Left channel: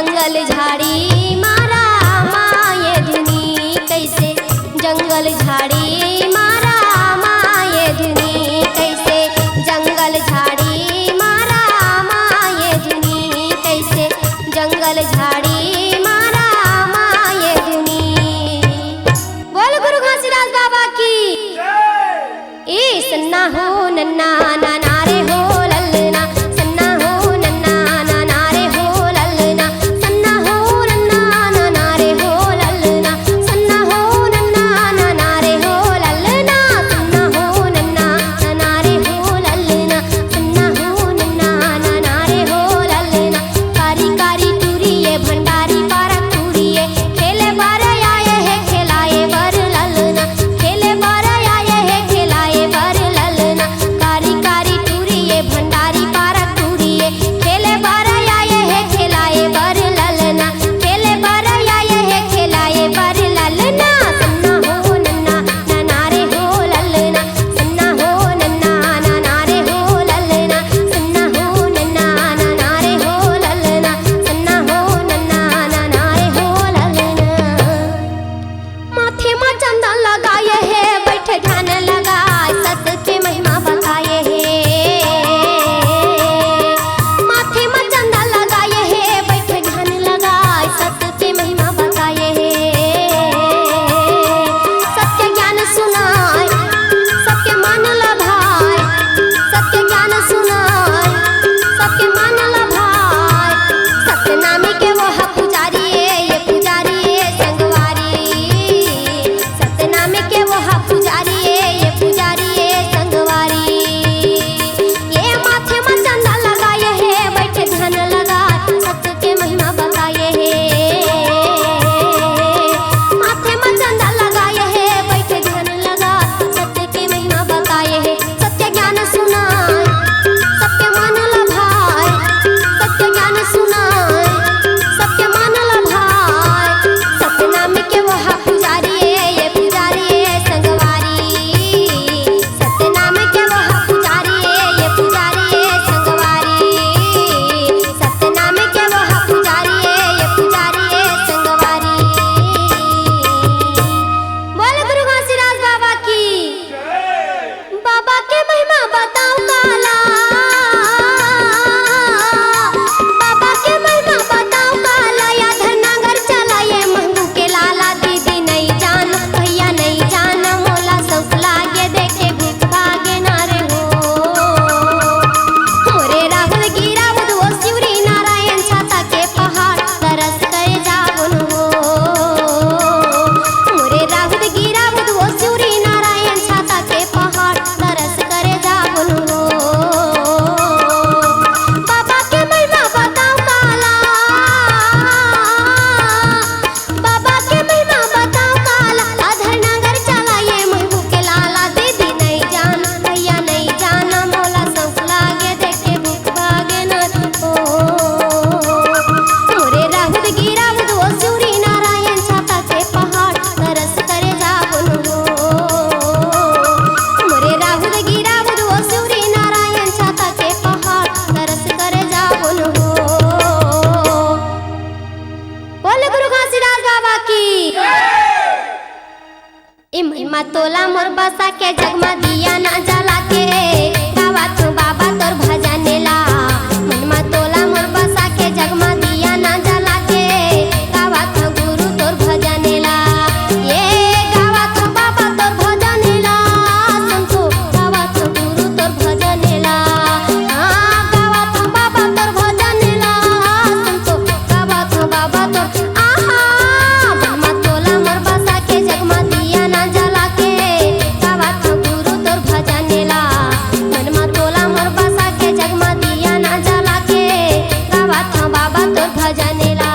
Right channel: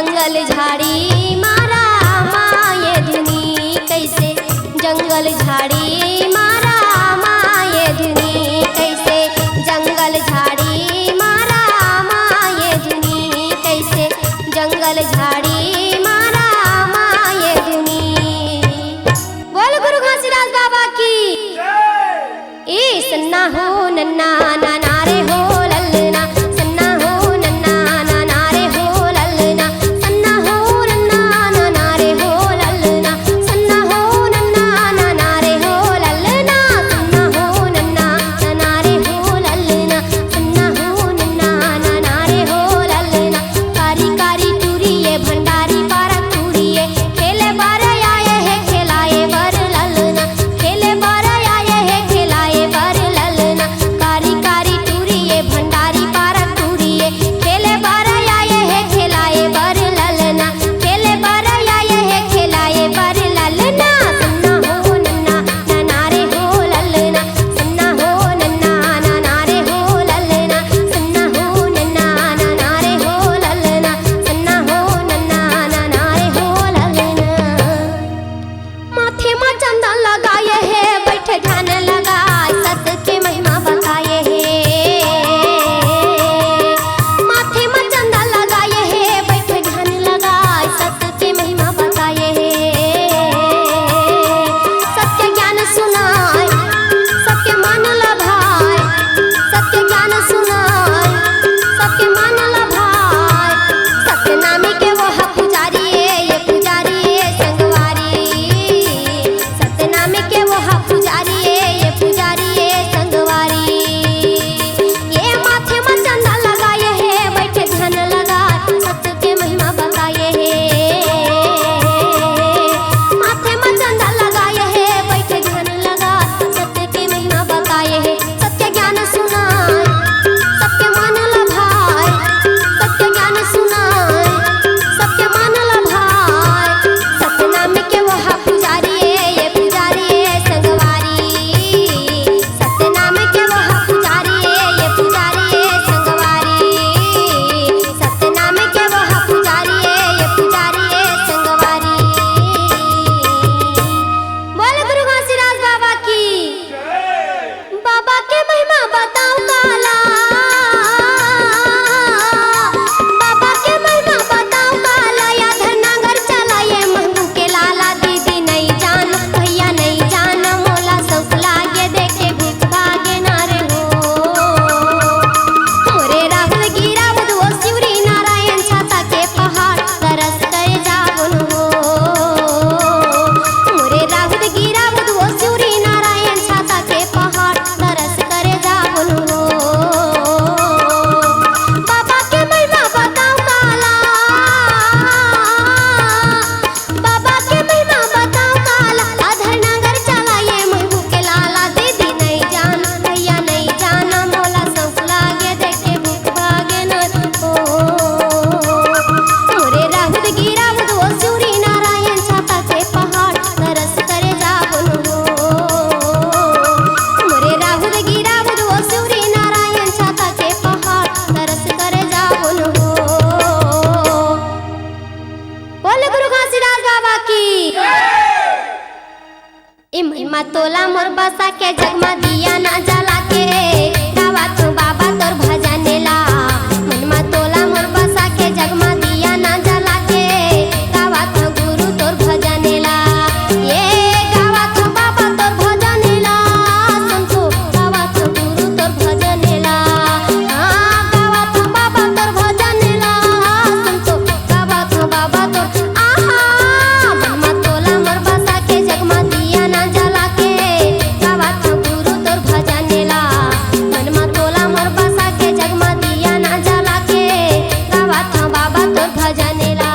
जंगल झाड़ी मारा माये धुनी कैसे जंगल झाड़ी मारा माये धुनी कैसे जंगल झाड़ी मारा माये धुनी कैसे जंगल झाड़ी मारा माये धुनी। बोल गुरु घासीदास बाबा की। ए सन्ना हो नन्ना नाना रे हो ललना सन्ना हो नन्ना नाना रे हो ललना सन्ना हो नन्ना नाना रे हो ललना सन्ना हो नन्ना नाना रे हो ललना सन्ना हो नन्ना नाना रे हो ललना सन्ना हो नन्ना नाना रे हो ललना। कारी कारी टूरिये भंडारी पारक टूरिये खेले बार आए है खेलाए बर ललना खेले बार आए है खेलाए बर ललना। कारी कारी टूरिये भंडारी पारक टूरिये खेले बार आए है खेलाए बर ललना खेले बार आए है खेलाए बर ललना। सन्ना हो नन्ना नाना रे हो ललना सन्ना हो नन्ना नाना रे हो ललना सन्ना हो नन्ना नाना रे हो ललना सन्ना हो नन्ना नाना रे हो ललना। माथे में चंदन लगाए है बैठे ध्यान लगाए सत के महिमा बताए है। माथे में चंदन लगाए है बैठे ध्यान लगाए सत के महिमा बताए है। सत्य ज्ञान सुनाए सबके मन लभाए सत्य ज्ञान सुनाए सबके मन लभाए। सत्य नामी के वो पुजारी ये पुजारी संगवारी सत्यनाम के वो पुजारी ये पुजारी संगवारी। ये माथे में चंदा लगाए है बैठे ध्यान लगा सत्य के महिमा बताए है। माथे में चंदा लगाए है बैठे ध्यान लगा सत्य के महिमा बताए है। सत्य ज्ञान सुनाए सबके मन लभाए सत्य ज्ञान सुनाए सबके मन लभाए। सत्यनाम के वो पुजारी ये पुजारी संगवारी सत्यनाम के वो पुजारी ये पुजारी संगवारी सत्यनाम के वो पुजारी ये पुजारी संगवारी। बोल गुरु घासीदास बाबा की। बाबा के महिमा बताओ काला बाबा के महिमा बताओ काला या धरनागर चला ये महबू के लाला। दीदी नहीं जान भैया नहीं जान मोला सौख लागे देखे भूख भागे नारे हो। मोरे राहुल गिरा बुधो शिवरी नारायण छाता के पहाड़ तरस करे जावन हो। मोरे राहुल गिरा बुधो शिवरी नारायण छाता के पहाड़ तरस करे जावन हो। बाबा के महिमा बताओ काला बाबा के महिमा बताओ काला। अधर नगर चला ये महबू के लाला। दीदी नहीं जान भैया नहीं जान मोला सौख लागे देखे भूख भागे न हो। मोरे राहुल गिरा बुधो शिवरी नारायण छाता के पहाड़ तरस करे जावन हो। मोरे राहुल गिरा बुधो शिवरी नारायण छाता के पहाड़ तरस करे जावन हो। बोल गुरु घासीदास बाबा की। ए महिमा तोला मोर बसा के जगमा दिया ना जला के गावा तू बाबा तोर भजनेला। महिमा तोला मोर बसा के जगमा दिया ना जला के गावा तू गुरु तोर भजनेला। ये गावा तू बाबा तोर भजनेला संतो गावा तू गुरु तोर भजनेला। हाँ गावा तू बाबा तोर भजनेला संतो गावा तू बाबा तोर आहा। महिमा तोला मोर बसा के जगमा दिया ना जला के गावा था गुरु तोर भजनेला। मनमा तोला मोर बसा के जगमा दिया ना जला के गावा था बाबा तोर भजनेला।